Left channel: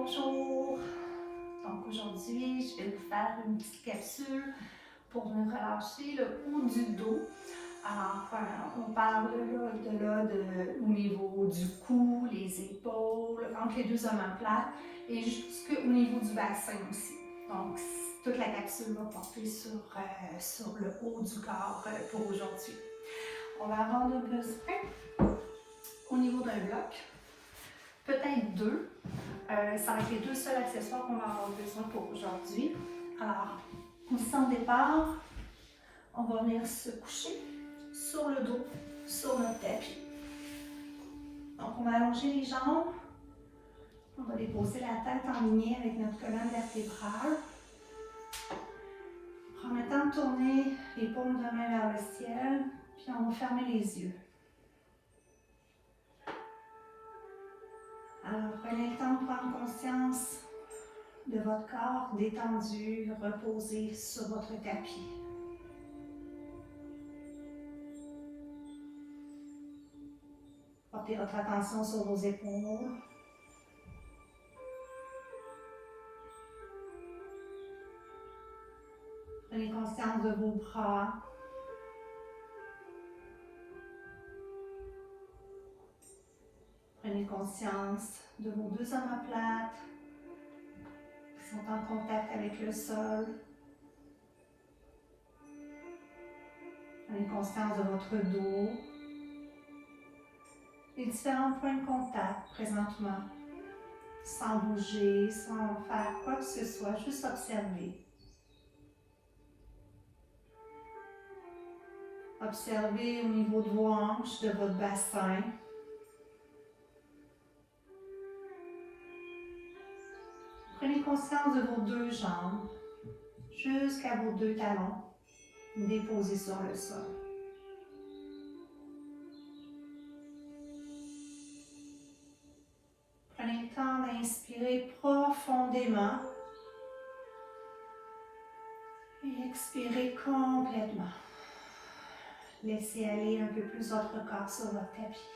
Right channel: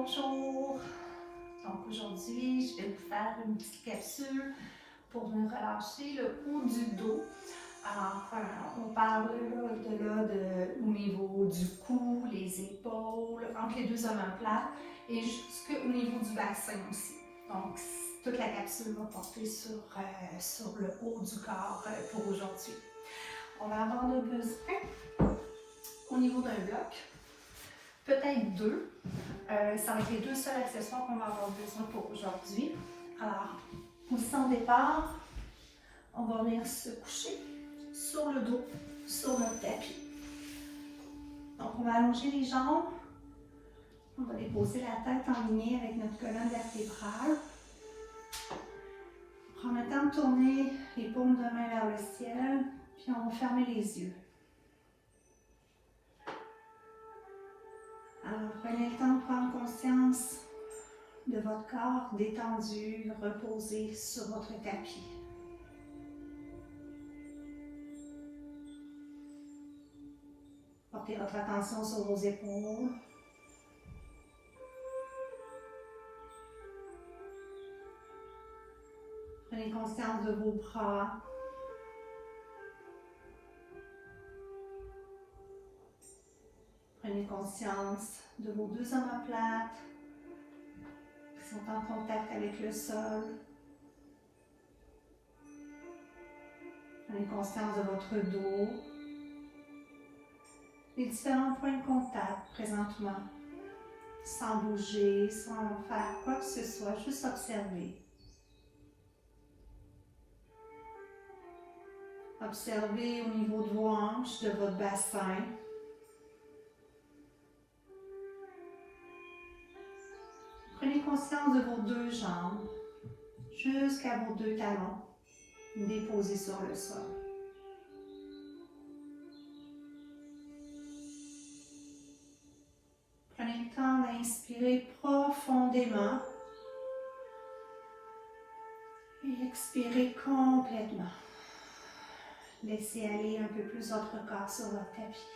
Bonjour! Donc aujourd'hui, je vais vous faire une petite capsule pour venir relâcher le haut du dos. Alors, on parle au niveau du cou, les épaules, entre les deux omoplates et jusqu'au niveau du bassin aussi. Donc, toute la capsule va porter sur le haut du corps pour aujourd'hui. On va avoir le besoin au niveau d'un bloc, peut-être deux. Ça va être les deux seuls accessoires qu'on va avoir besoin pour aujourd'hui. Alors, position de départ, on va venir se coucher sur le dos, sur notre tapis. Donc, on va allonger les jambes. On va déposer la tête en ligne avec notre colonne vertébrale. Prendre le temps de tourner les paumes de main vers le ciel, puis on va fermer les yeux. Alors, prenez le temps de prendre conscience de votre corps détendu, reposé sur votre tapis. Portez votre attention sur vos épaules. Prenez conscience de vos bras. Prenez conscience de vos deux omoplates qui sont en contact avec le sol. Prenez conscience de votre dos. Les différents points de contact présentement, sans bouger, sans faire quoi que ce soit, juste observer. Observez au niveau de vos hanches, de votre bassin. Prenez conscience de vos deux jambes, jusqu'à vos deux talons, déposés sur le sol. Prenez le temps d'inspirer profondément et expirez complètement. Laissez aller un peu plus votre corps sur votre tapis.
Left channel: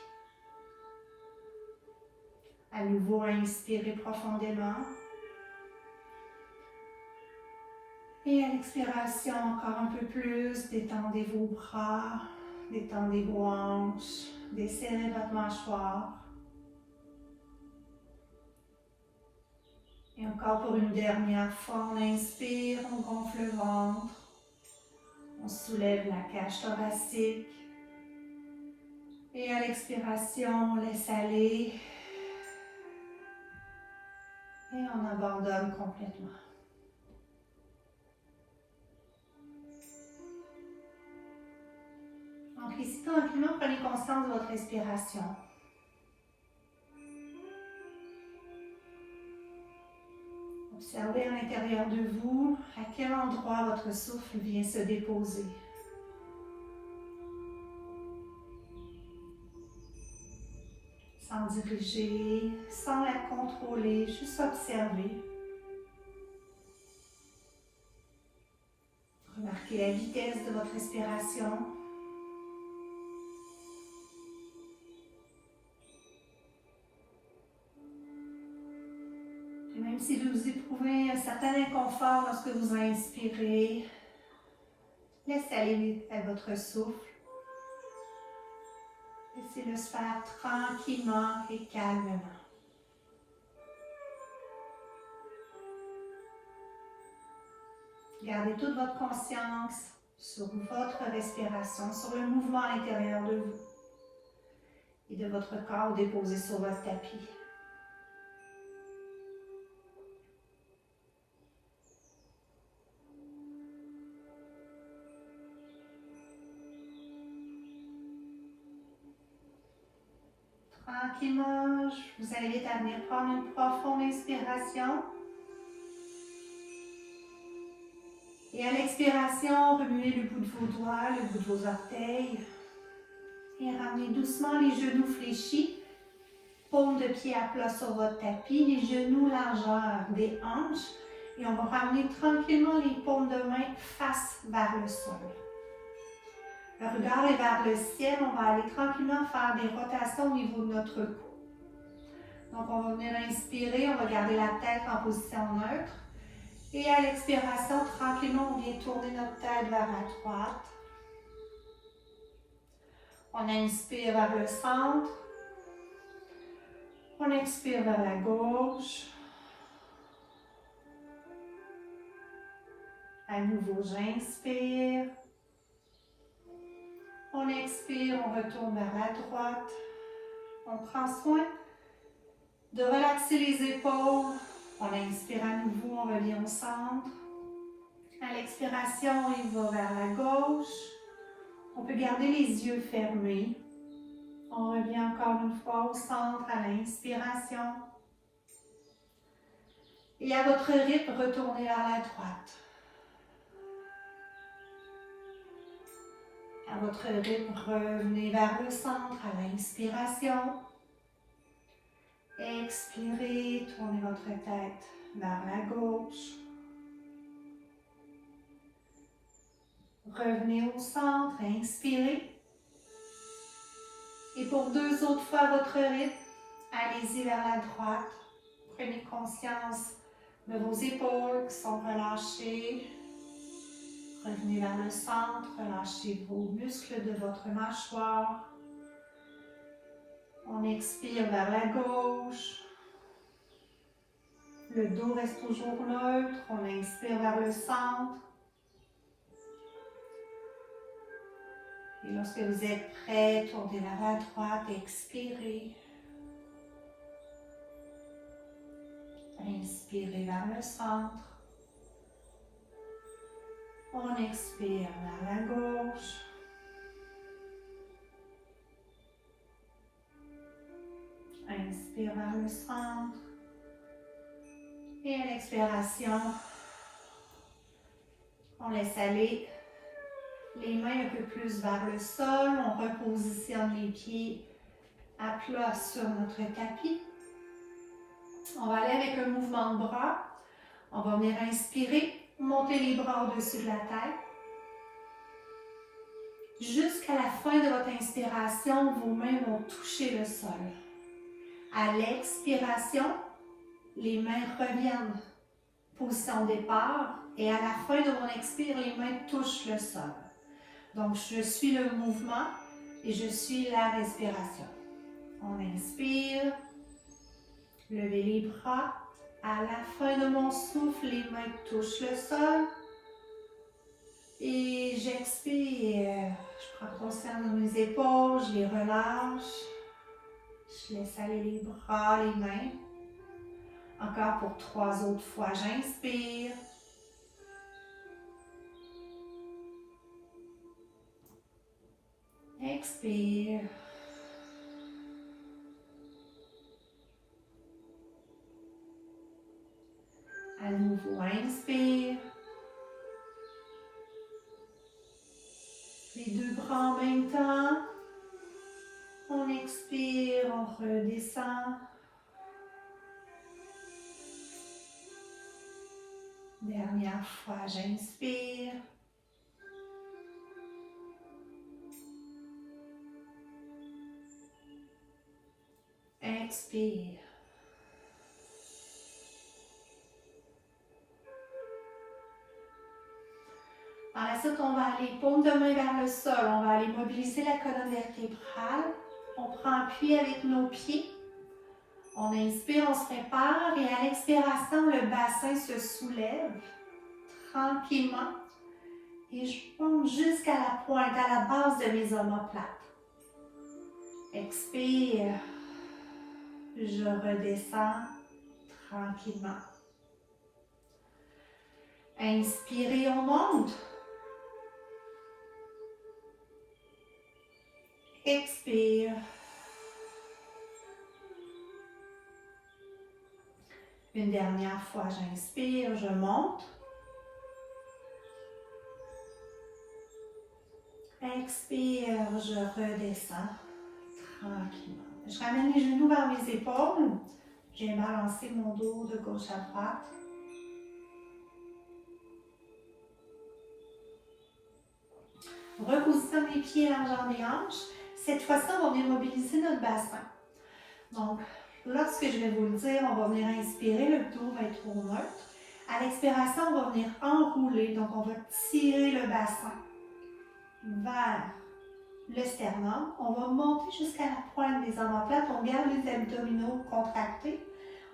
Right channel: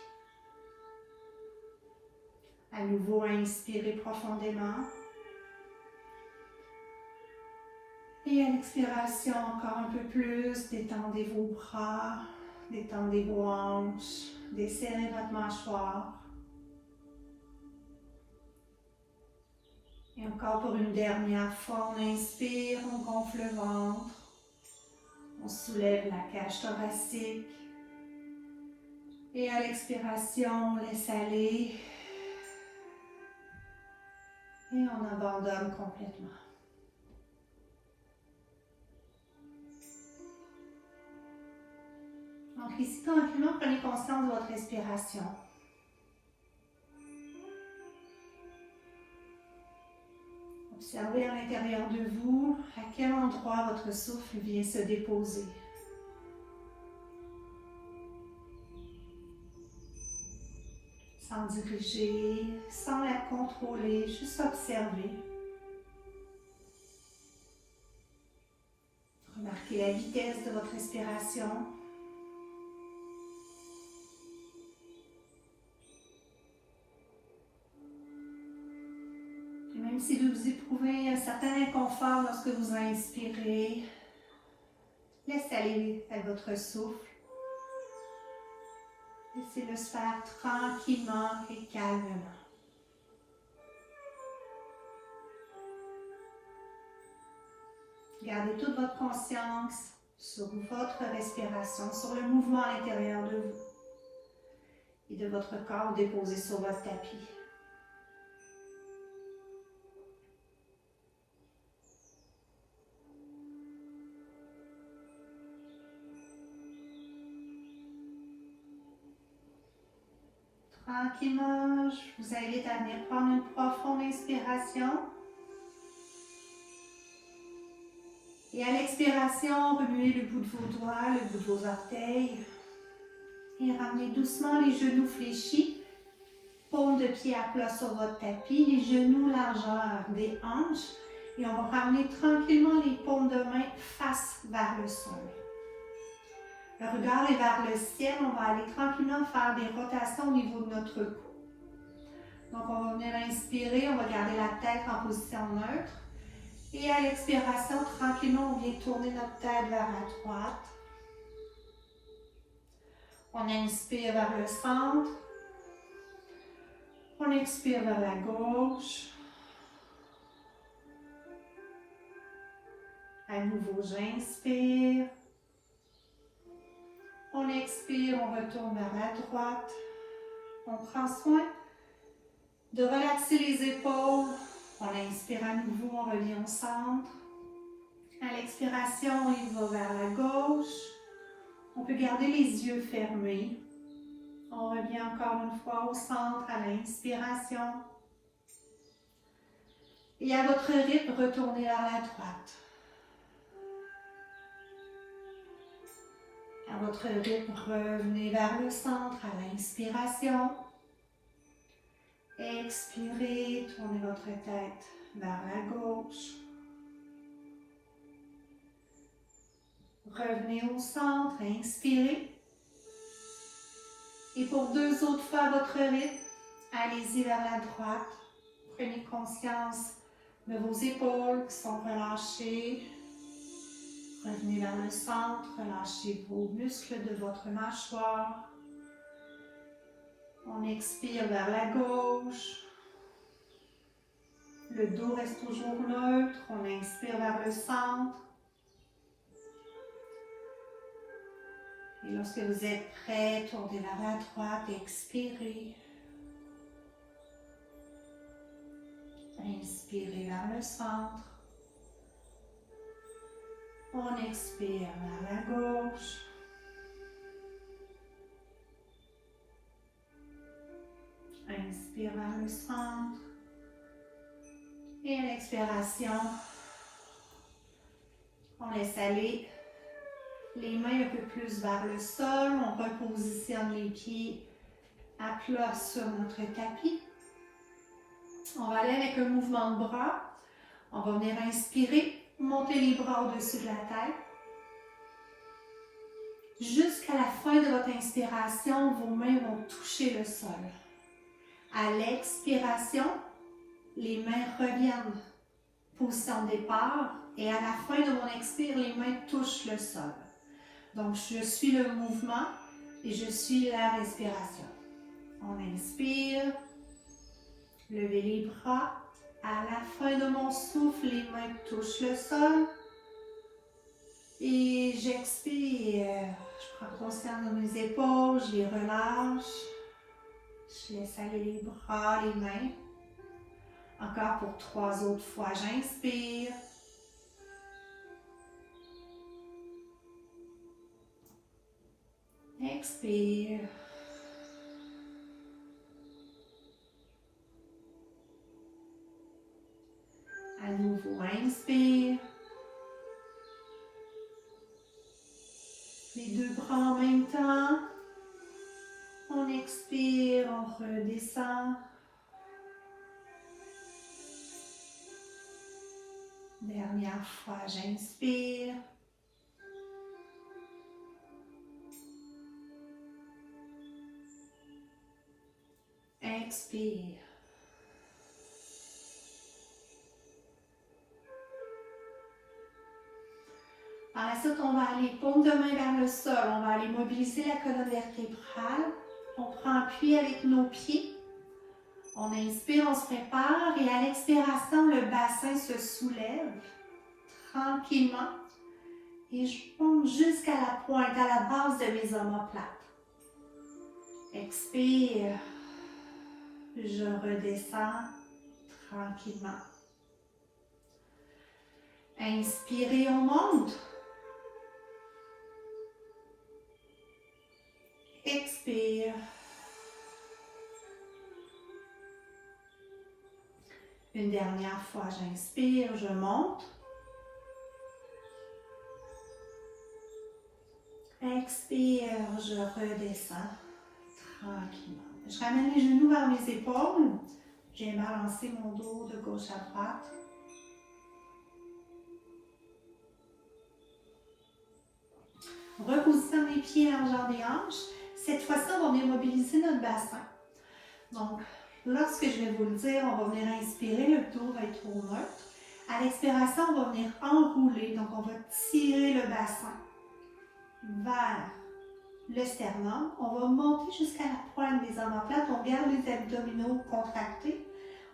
À nouveau, inspirez profondément. Et à l'expiration, encore un peu plus, détendez vos bras, détendez vos hanches, desserrez votre mâchoire. Et encore pour une dernière fois, on inspire, on gonfle le ventre. On soulève la cage thoracique. Et à l'expiration, on laisse aller. Et on abandonne complètement. Donc ici, tranquillement, prenez conscience de votre respiration. Observez à l'intérieur de vous à quel endroit votre souffle vient se déposer. Sans diriger, sans la contrôler, juste observer. Remarquez la vitesse de votre respiration. Et même si vous éprouvez un certain inconfort lorsque vous inspirez, laissez aller à votre souffle. Laissez-le se faire tranquillement et calmement. Gardez toute votre conscience sur votre respiration, sur le mouvement à l'intérieur de vous et de votre corps déposé sur votre tapis. Tranquillement, je vous invite à venir prendre une profonde inspiration. Et à l'expiration, remuez le bout de vos doigts, le bout de vos orteils. Et ramenez doucement les genoux fléchis. Paume de pied à plat sur votre tapis, les genoux largeur des hanches. Et on va ramener tranquillement les paumes de main face vers le sol. Le regard est vers le ciel, on va aller tranquillement faire des rotations au niveau de notre cou. Donc, on va venir inspirer, on va garder la tête en position neutre. Et à l'expiration, tranquillement, on vient tourner notre tête vers la droite. On inspire vers le centre. On expire vers la gauche. À nouveau, j'inspire. On expire, on retourne vers la droite. On prend soin de relaxer les épaules. On inspire à nouveau, on revient au centre. À l'expiration, il va vers la gauche. On peut garder les yeux fermés. On revient encore une fois au centre à l'inspiration. Et à votre rythme, retournez vers la droite. À votre rythme, revenez vers le centre à l'inspiration. Expirez, tournez votre tête vers la gauche. Revenez au centre, inspirez. Et pour 2 autres fois à votre rythme, allez-y vers la droite. Prenez conscience de vos épaules qui sont relâchées. Revenez vers le centre, relâchez vos muscles de votre mâchoire. On expire vers la gauche. Le dos reste toujours neutre. On inspire vers le centre. Et lorsque vous êtes prêt, tournez vers la droite, expirez. Inspirez vers le centre. On expire vers la gauche. Inspire vers le centre. Et à l'expiration, on laisse aller les mains un peu plus vers le sol. On repositionne les pieds à plat sur notre tapis. On va aller avec un mouvement de bras. On va venir inspirer, monter les bras au-dessus de la tête. Jusqu'à la fin de votre inspiration, vos mains vont toucher le sol. À l'expiration, les mains reviennent position départ et à la fin de mon expire, les mains touchent le sol. Donc, je suis le mouvement et je suis la respiration. On inspire, levez les bras. À la fin de mon souffle, les mains touchent le sol. Et j'expire. Je prends conscience de mes épaules, je les relâche. Je laisse aller les bras, les mains. Encore pour 3 autres fois, j'inspire. Expire. À nouveau, inspire. Les 2 bras en même temps. On expire, on redescend. Dernière fois, j'inspire. Expire. Par la suite, on va aller paume de main vers le sol. On va aller mobiliser la colonne vertébrale. On prend appui avec nos pieds. On inspire, on se prépare et à l'expiration, le bassin se soulève tranquillement. Et je monte jusqu'à la pointe, à la base de mes omoplates. Expire. Je redescends tranquillement. Inspirez, on monte. Expire. Une dernière fois, j'inspire, je monte. Expire, je redescends tranquillement. Je ramène les genoux vers mes épaules. Je viens balancer mon dos de gauche à droite. Repositionne les pieds largeur des hanches. Cette fois-ci, on va venir mobiliser notre bassin. Donc, Lorsque je vais vous le dire, on va venir inspirer, le dos va être au neutre. À l'expiration, on va venir enrouler, donc on va tirer le bassin vers le sternum. On va monter jusqu'à la pointe des omoplates, on garde les abdominaux contractés.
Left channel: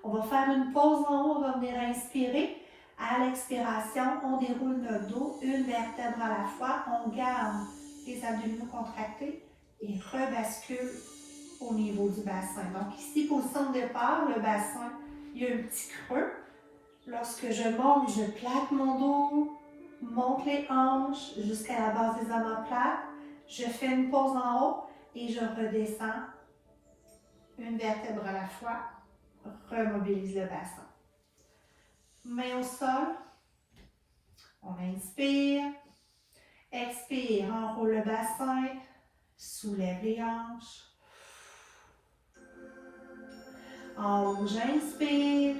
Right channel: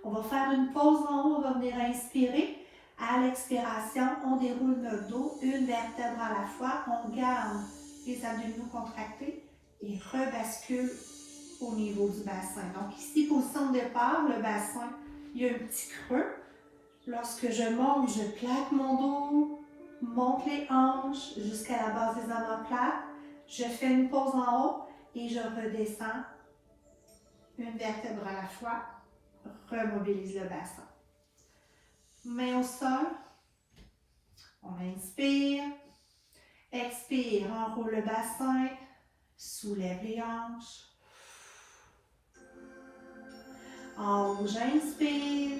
On va faire une pause en haut, on va venir inspirer. À l'expiration, on déroule notre dos, une vertèbre à la fois. On garde les abdominaux contractés et rebascule au niveau du bassin. Donc ici, position de départ, le bassin, il y a un petit creux. Lorsque je monte, je plaque mon dos, monte les hanches jusqu'à la base des omoplates. Je fais une pause en haut et je redescends une vertèbre à la fois. Remobilise le bassin. Main au sol. On inspire. Expire, enroule le bassin. Soulève les hanches. En haut, j'inspire.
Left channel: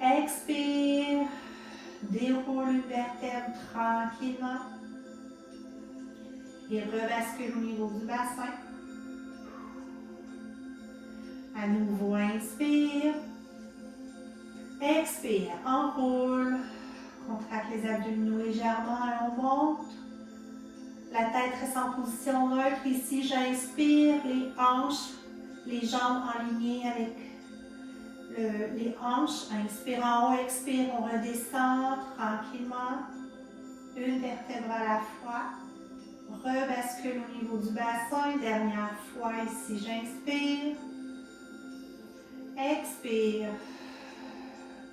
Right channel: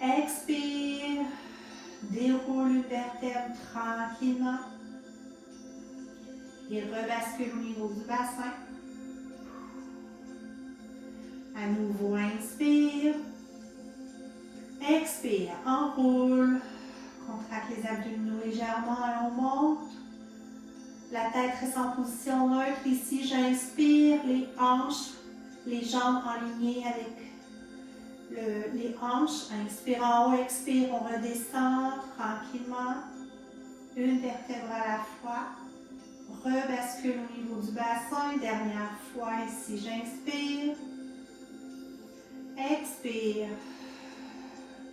Expire. Déroule une vertèbre tranquillement. Et rebascule au niveau du bassin. À nouveau, inspire. Expire, enroule. Contracte les abdominaux légèrement, on monte. La tête reste en position neutre. Ici, j'inspire, les hanches, les jambes alignées avec les hanches. Inspire en haut, expire, on redescend tranquillement. Une vertèbre à la fois. Rebascule au niveau du bassin. Dernière fois, ici, j'inspire. Expire.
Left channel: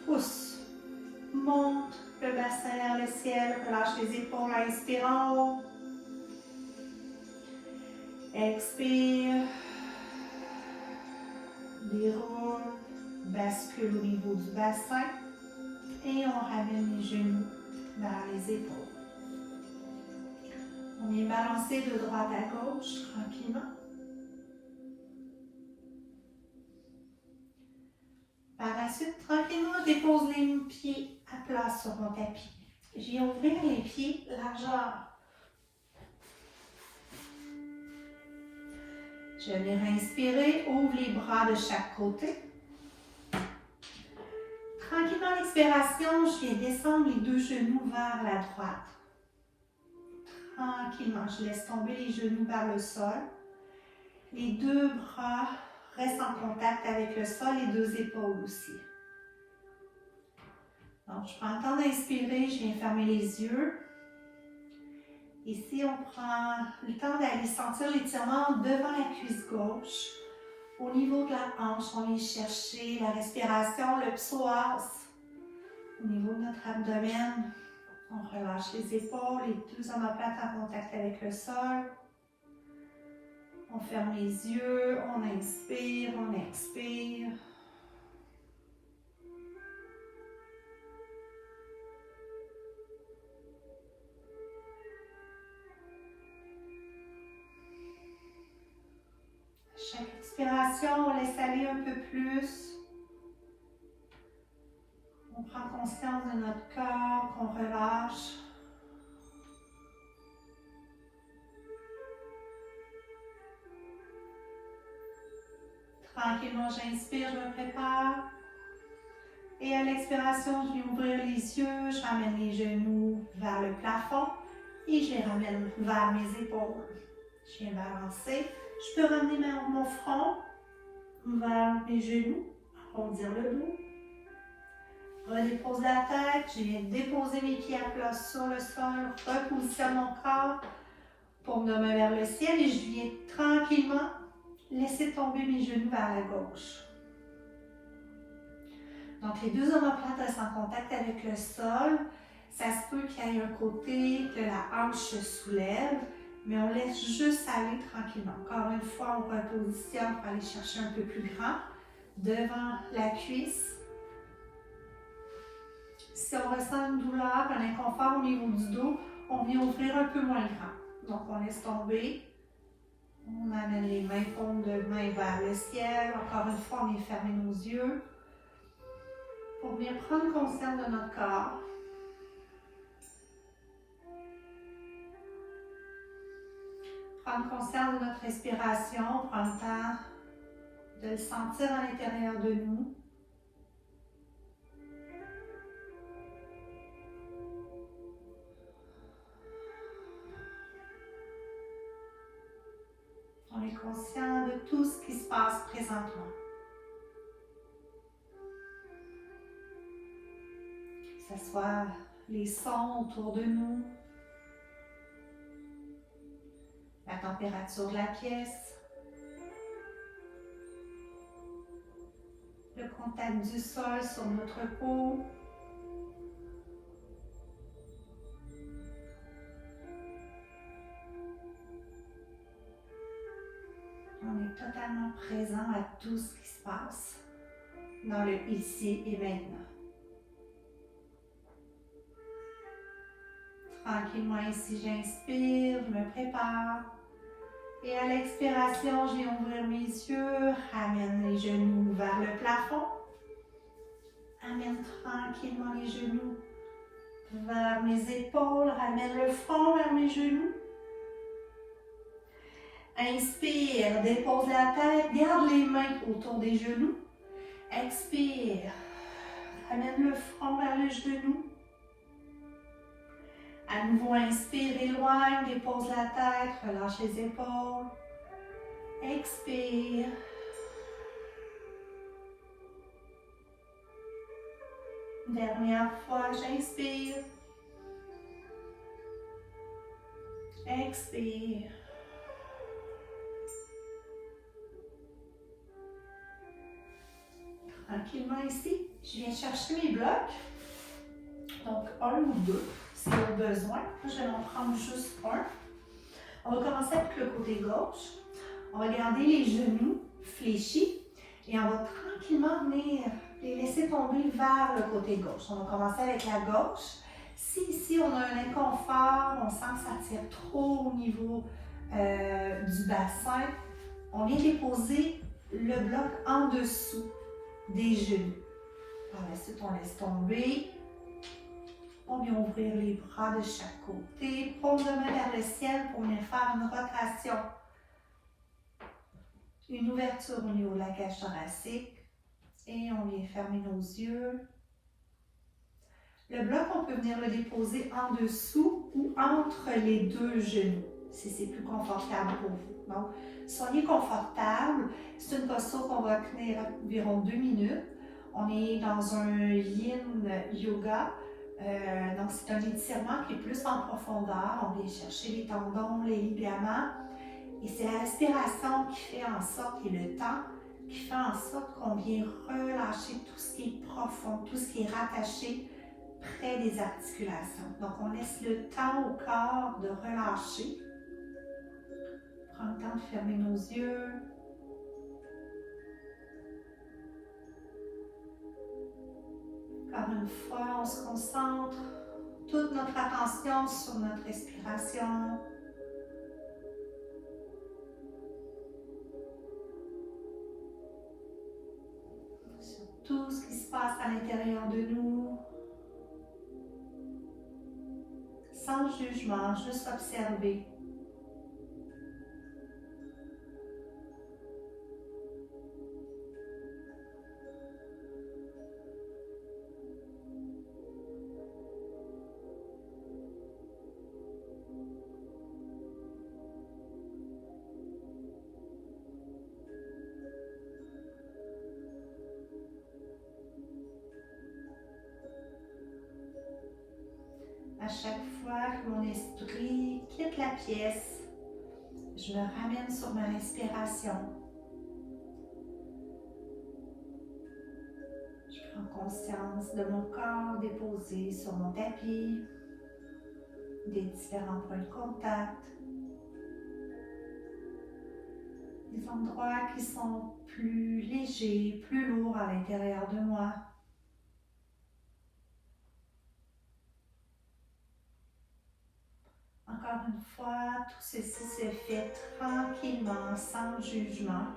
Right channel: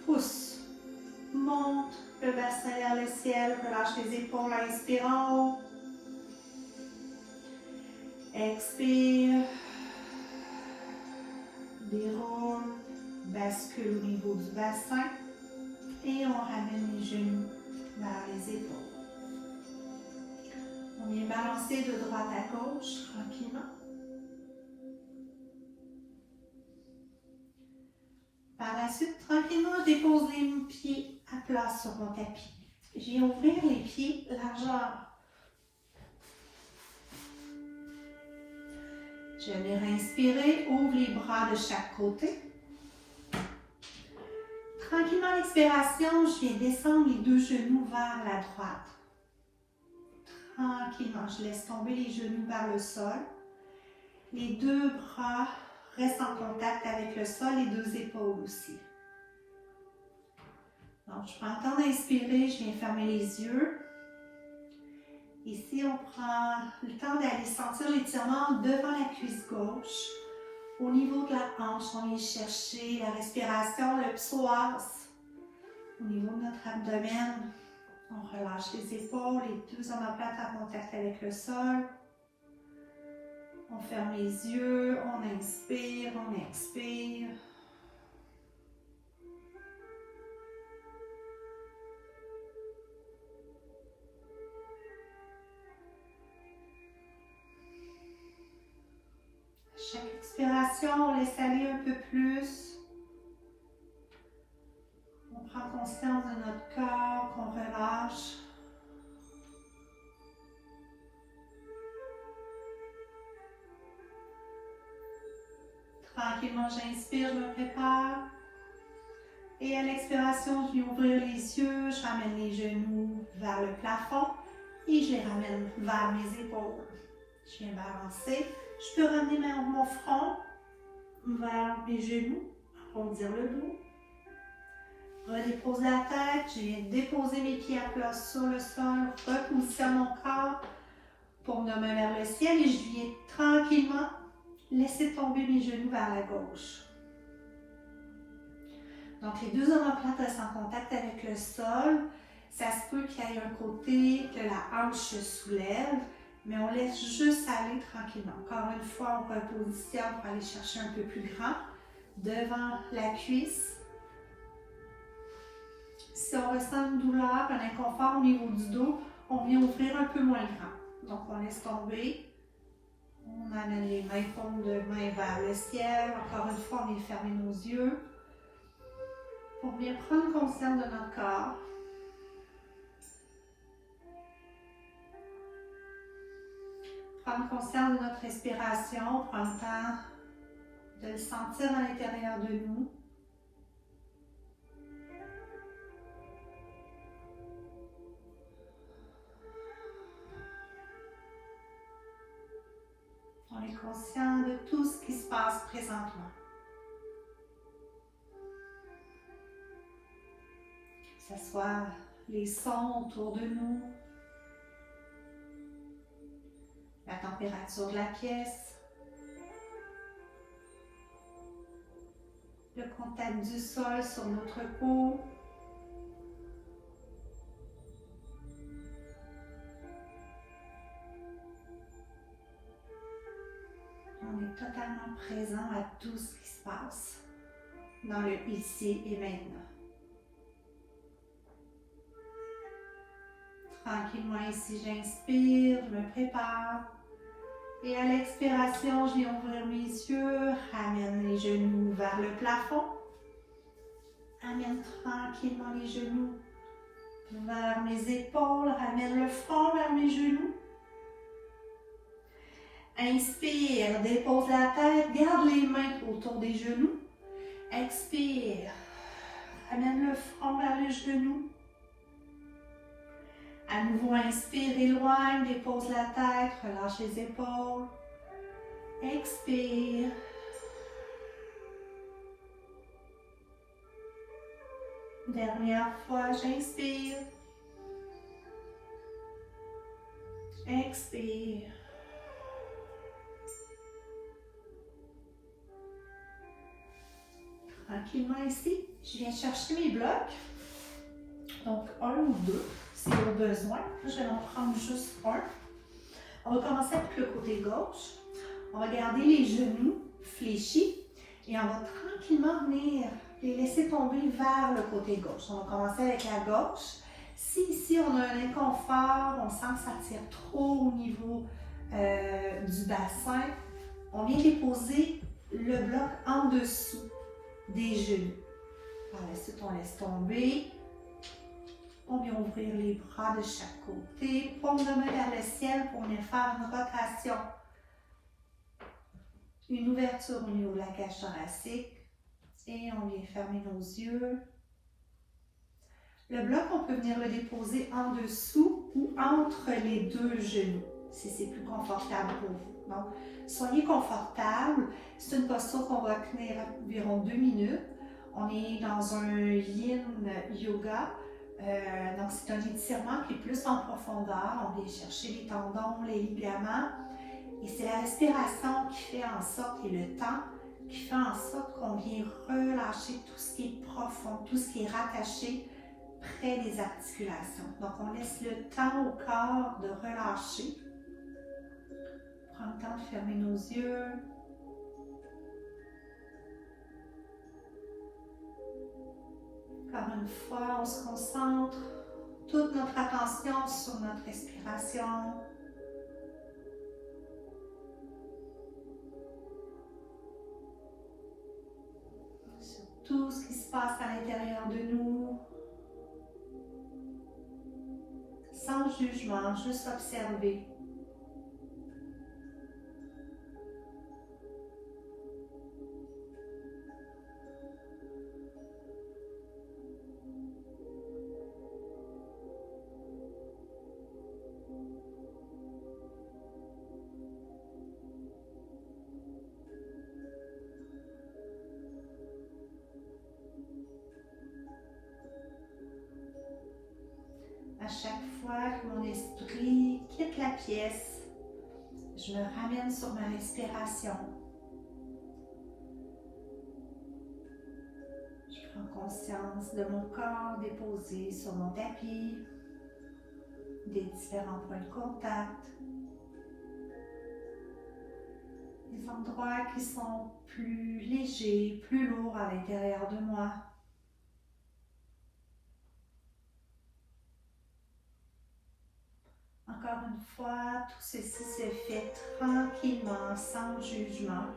Pousse. Monte le bassin vers le ciel. Relâche les épaules. Inspire en haut. Expire. Déroule. Bascule au niveau du bassin. Et on ramène les genoux vers les épaules. On vient balancer de droite à gauche tranquillement. Par la suite, tranquillement, je dépose les pieds à plat sur mon tapis. Je viens ouvrir les pieds largeur. Je vais inspirer, ouvre les bras de chaque côté. Tranquillement, à l'expiration, je viens descendre les deux genoux vers la droite. Tranquillement, je laisse tomber les genoux vers le sol. Les deux bras restent en contact avec le sol, les deux épaules aussi. Donc, je prends le temps d'inspirer, je viens fermer les yeux. Ici, on prend le temps d'aller sentir l'étirement devant la cuisse gauche. Au niveau de la hanche, on vient chercher la respiration, le psoas. Au niveau de notre abdomen, on relâche les épaules, les deux omoplates en contact avec le sol. On ferme les yeux, on inspire, on expire. Chaque expiration, on laisse aller un peu plus. On prend conscience de notre corps, qu'on relâche. Tranquillement, j'inspire, je me prépare. Et à l'expiration, je vais ouvrir les yeux, je ramène les genoux vers le plafond et je les ramène vers mes épaules. Je viens balancer. Je peux ramener mon front vers mes genoux, arrondir le dos. Redépose la tête, je viens déposer mes pieds à plat sur le sol, repositionne mon corps pour me nommer vers le ciel et je viens tranquillement laisser tomber mes genoux vers la gauche. Donc les deux omoplates restent en contact avec le sol. Ça se peut qu'il y ait un côté que la hanche se soulève, mais on laisse juste aller tranquillement. Encore une fois, on repositionne pour aller chercher un peu plus grand devant la cuisse. Si on ressent une douleur, un inconfort au niveau du dos, on vient ouvrir un peu moins grand. Donc on laisse tomber. On amène les mains, paumes de main vers le ciel. Encore une fois, on vient fermer nos yeux. Pour bien prendre conscience de notre corps. Prendre conscience de notre respiration. Prendre le temps de le sentir à l'intérieur de nous. On est conscient de tout ce qui se passe présentement. Que ce soit les sons autour de nous, la température de la pièce, le contact du sol sur notre peau. On est totalement présent à tout ce qui se passe dans le ici et maintenant. Tranquillement ici, j'inspire, je me prépare. Et à l'expiration, je vais ouvrir mes yeux, ramène les genoux vers le plafond. Amène tranquillement les genoux vers mes épaules, ramène le front vers mes genoux. Inspire, dépose la tête, garde les mains autour des genoux. Expire, ramène le front vers le genou. À nouveau, inspire, éloigne, dépose la tête, relâche les épaules. Expire. Dernière fois, j'inspire. Expire. Tranquillement ici, je viens chercher mes blocs. Donc, un ou deux, si au besoin. Je vais en prendre juste un. On va commencer avec le côté gauche. On va garder les genoux fléchis et on va tranquillement venir les laisser tomber vers le côté gauche. On va commencer avec la gauche. Si ici on a un inconfort, on sent que ça tire trop au niveau du bassin, on vient déposer le bloc en dessous des genoux. Par la suite, on laisse tomber. On vient ouvrir les bras de chaque côté. Paume de main vers le ciel pour venir faire une rotation. Une ouverture au niveau de la cage thoracique. Et on vient fermer nos yeux. Le bloc, on peut venir le déposer en dessous ou entre les deux genoux, si c'est plus confortable pour vous. Donc, soyez confortable. C'est une posture qu'on va tenir environ 2 minutes. On est dans un yin yoga. Donc, c'est un étirement qui est plus en profondeur. On vient chercher les tendons, les ligaments. Et c'est la respiration qui fait en sorte, et le temps qui fait en sorte qu'on vient relâcher tout ce qui est profond, tout ce qui est rattaché près des articulations. Donc, on laisse le temps au corps de relâcher. Prends le temps de fermer nos yeux. Encore une fois, on se concentre toute notre attention sur notre respiration. Sur tout ce qui se passe à l'intérieur de nous. Sans jugement, juste observer. À chaque fois que mon esprit quitte la pièce, je me ramène sur ma respiration. Je prends conscience de mon corps déposé sur mon tapis, des différents points de contact, des endroits qui sont plus légers, plus lourds à l'intérieur de moi. Encore une fois, tout ceci se fait tranquillement, sans jugement.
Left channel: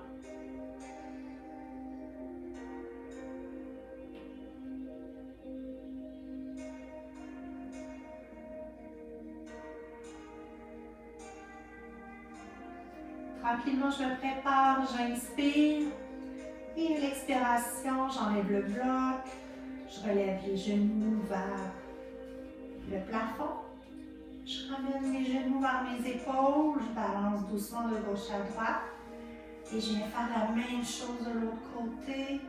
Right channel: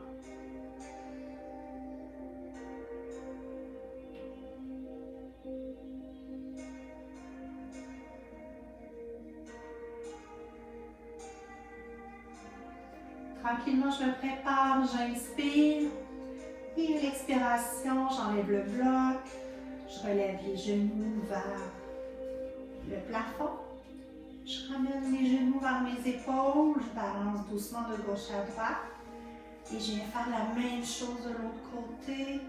Tranquillement, je me prépare, j'inspire. Et à l'expiration, j'enlève le bloc, je relève les genoux vers le plafond. Je ramène les genoux vers mes épaules, je balance doucement de gauche à droite. Et je viens faire la même chose de l'autre côté.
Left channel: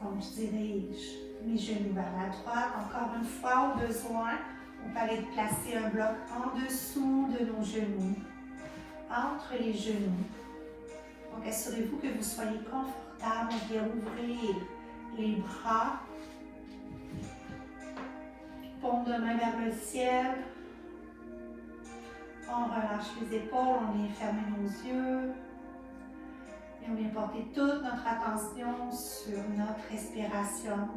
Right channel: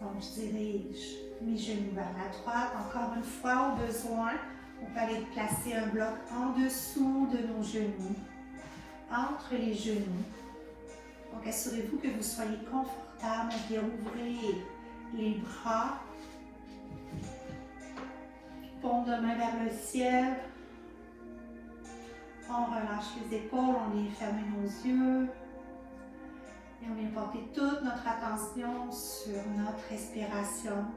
Donc, je dirige mes genoux vers la droite. Encore une fois, au besoin, on peut aller placer un bloc en dessous de nos genoux, entre les genoux. Donc, assurez-vous que vous soyez confortable à bien ouvrir les bras. Paume de main vers le ciel. On relâche les épaules, on vient fermer nos yeux. Et on vient porter toute notre attention sur notre respiration.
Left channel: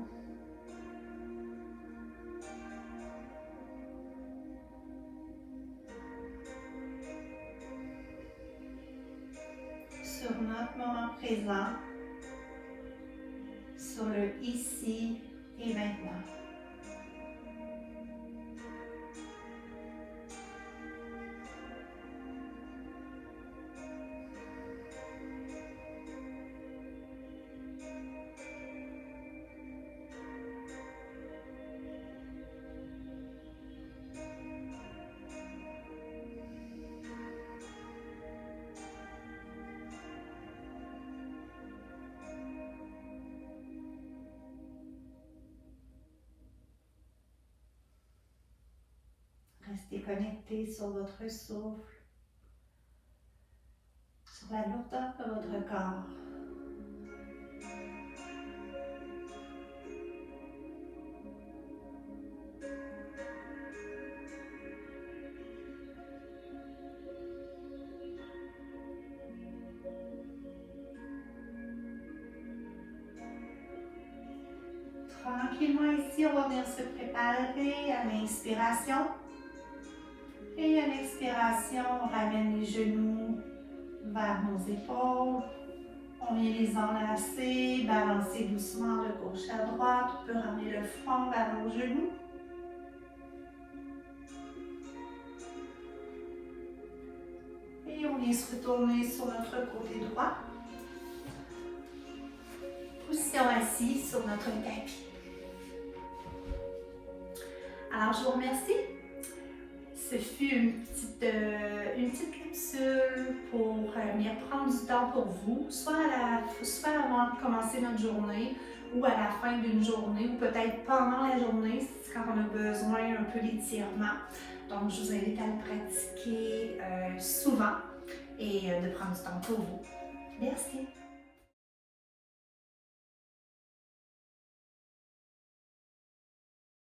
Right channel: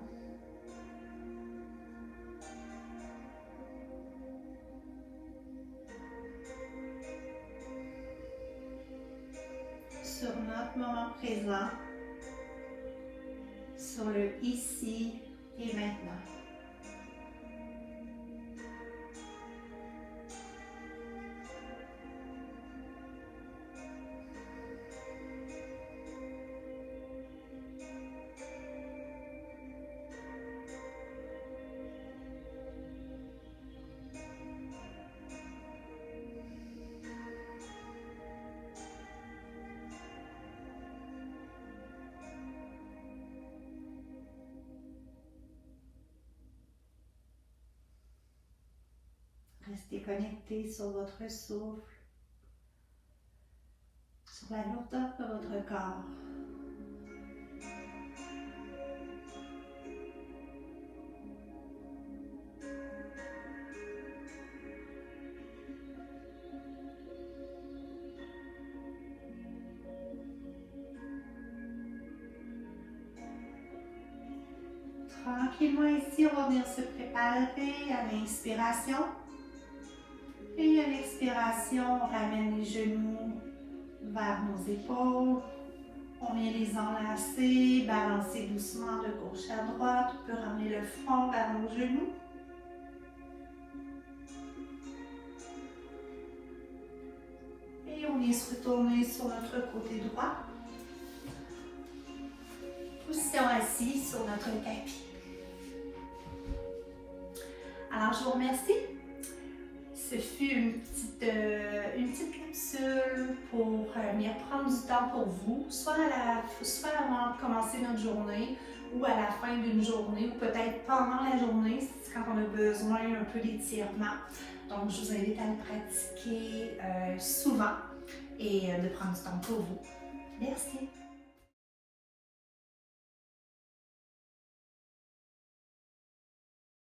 Sur notre moment présent, sur le ici et maintenant. Restez connecté sur votre souffle, sur la lourdeur de votre corps. Tranquillement ici, on va bien se préparer à l'inspiration. Et à l'expiration, on ramène les genoux vers nos épaules. On vient les enlacer, balancer doucement de gauche à droite. On peut ramener le front vers nos genoux. Et on vient se retourner sur notre côté droit. Position assise sur notre tapis. Alors, je vous remercie. Ce fut une petite capsule pour venir prendre du temps pour vous, soit avant de commencer notre journée ou à la fin d'une journée ou peut-être pendant la journée, c'est quand on a besoin un peu d'étirement. Donc, je vous invite à le pratiquer souvent et de prendre du temps pour vous.